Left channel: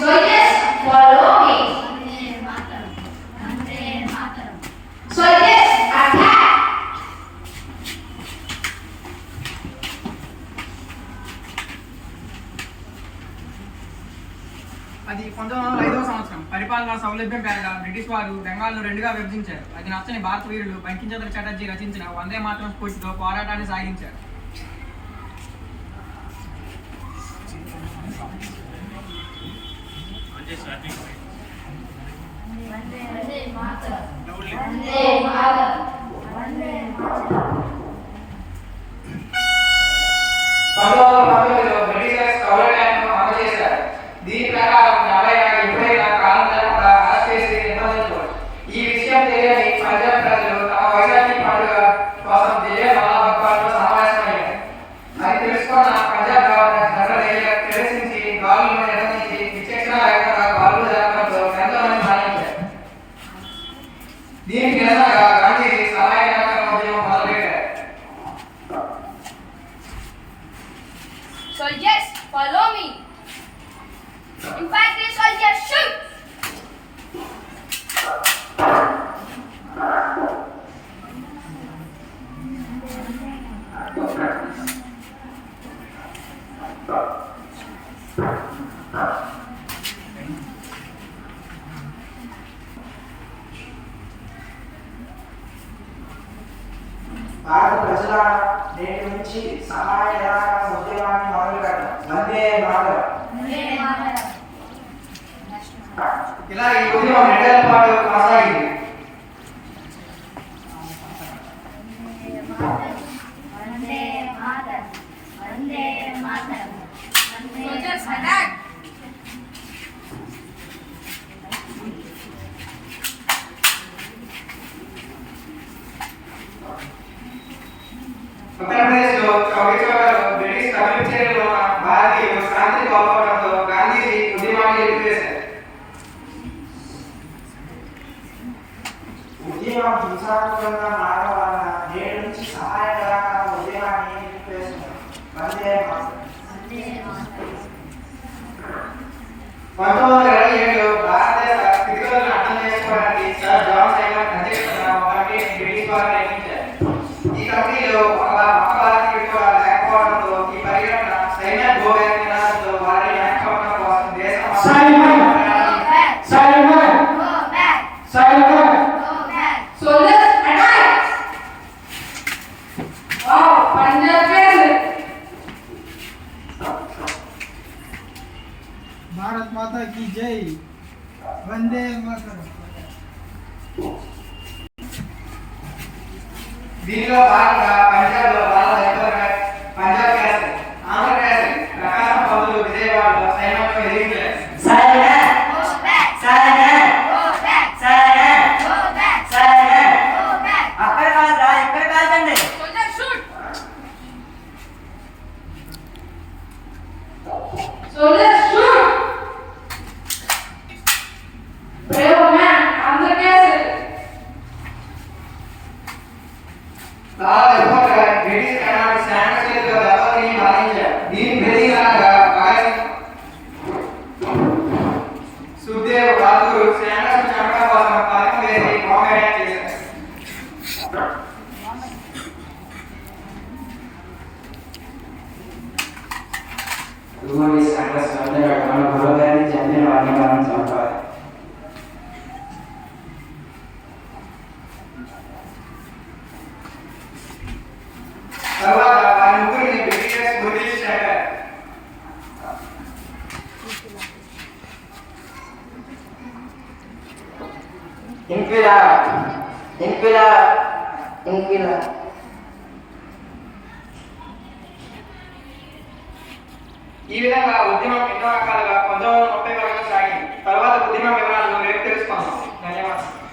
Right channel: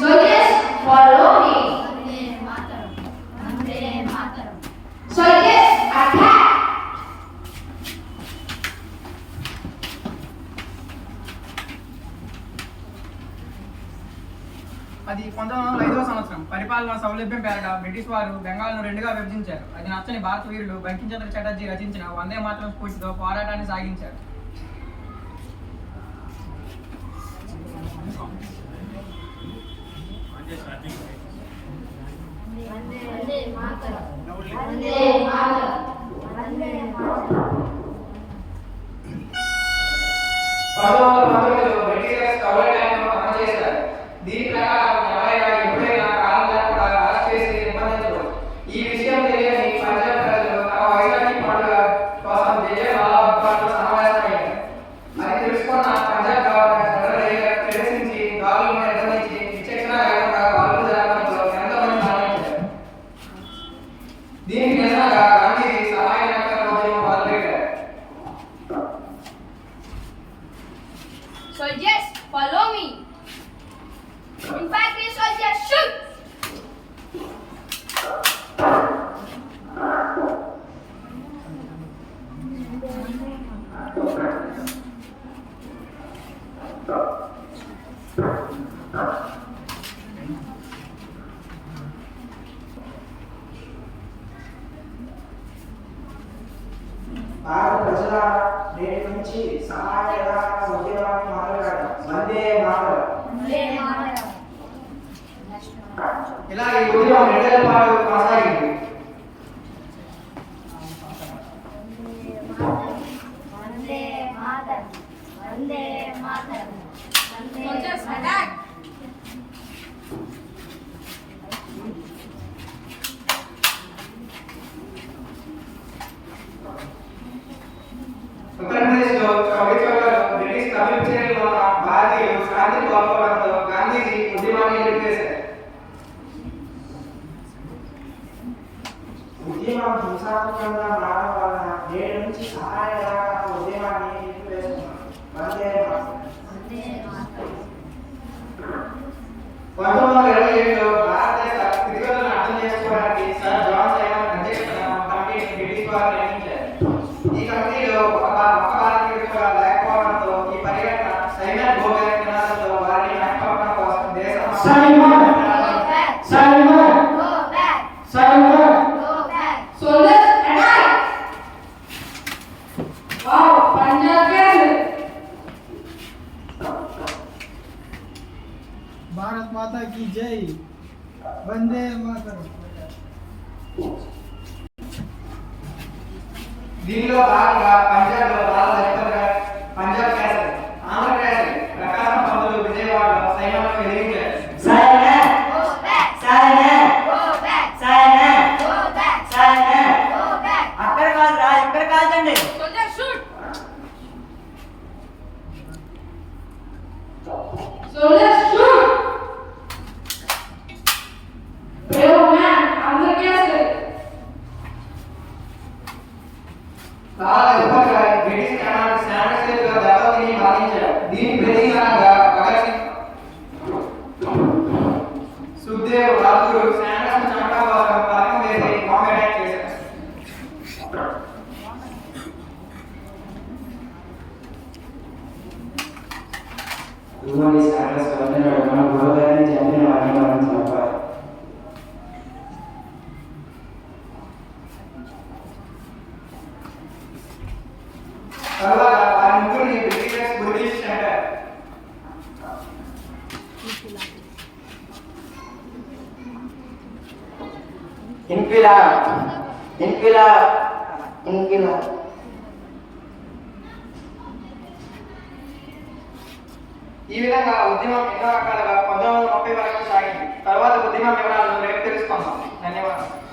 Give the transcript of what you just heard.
So yes, follow me. So yes, attack. అది 1905వ సంవత్సరం పరిపాలనా సౌలభ్యం పేరిట బ్రిటిష్ వారు బెంగాల్ను రెండుగా విభజించారు. అది నచ్చని భారత వీరులు బంకించంద్ర చటర్జీ రచించిన వందే మాతరం స్ఫూర్తితో పోరాటాన్ని సాగించారు. దీని ప్రకారం ఎవరైనా ఎప్పుడైనా కాలం లేకుండా అరెస్ట్ చేసి నిబంధించవచ్చు. ఈ విషయం తెలియని పంజాబ్ ప్రజలు తమ వైజాగ్య పండుగ కోసం జలియన్వాలాబాగ్లో సమావేశమయ్యారు. అది తెలుసుకున్న పంజాబ్ గవర్నర్ జనరల్ ప్రవేశించి గాలులను నిర్వహించి విచక్షణ లేకుండా గాలులు జరగడంతో ఎంతోమంది మరణించారు. దీనికి నిరసనగా గాంధీజీ సహాయ నిరాకరణ ఉద్యమం మొదలుపెట్టారు. So yes, follow me. Infantry soldiers shoot. భారత ప్రజల నేటి నుంచి సహాయ నిరాకరణ ఉద్యమాన్ని మొదలుపెట్టారు. వందే మాతరం. ఇలా ఈ ఉద్యమం 2 ఏళ్ల పాటు కొనసాగింది. ఉత్తరప్రదేశ్లో చౌరీ చౌరాలో బ్రిటిష్ తమిళ చర్యలో ఉన్న భారతీయులు శాంతిని కోల్పోవడంతో గాంధీజీ ఉద్యమాన్ని నిలిపివేశారు. ఉద్యమం హింసాత్మకంగా మారడం వలన నేటి నుంచి సహాయ నిరాకరణ ఉద్యమాన్ని నిలిపివేస్తున్నారు. వందే మాతరం. 1927లో భారతదేశ స్థితిగతులను అర్థం చేసుకోవడానికి సర్ జాన్ సైమన్ అధ్యక్షతన ఒక కమిటీని బ్రిటిష్ వారు నియమించారు. ఈ కమిటీలో ఒక భారతీయుడు కూడా లేకపోవడంతో ఈ పర్యటన సైమన్ గో బ్యాక్ నినాదంతో వారిని వెనకబడడం కోసం దేశం Soldiers attack. Wow, Punjab is. Bharat माता की जय. वंदे मातरम. దీనిలో భాగంగా పంజాబ్లో పంజాబ్ క్యాసెల్, ఆంధ్ర క్యాసెల్, ప్రకాశం పౌరులు విజయవాడలో సైన్యంలో ఎదిరించారు. Soldiers shoot. Soldiers shoot. Brave man, Andhra Castle. చాలా ఎక్కువగా బ్రిటిష్ కమాండ్ స్టాండర్డ్ చేతిలో దెబ్బతిని మరణించారు. దీని ప్రతీకారంగా భగత్ సింగ్, సుఖ్దేవ్, రాజ్గురు స్టాండర్డ్స్ చంపడం కోసం పథకం వేసి బాంబ్ అటాక్ చేశారు. ఇదిగోండి స్టాండర్స్ వస్తున్నాడు. మన గురువుగారిని చంపిన వారిని మనం చంపాలి. తర్వాత వారి ముగ్గురిని బ్రిటిషర్స్ గుర్తించి చంపారు. ఇంక్విలాబ్ ఇంక్విలాబ్ ఇంక్విలాబ్. ఈ విధంగా ఉద్యమం ఎన్నో రకాలుగా 1930 వరకు సాగింది. తర్వాత ఉద్యమం వివరాలను రేపు తెలుసుకుందాం. ధన్యవాదాలు.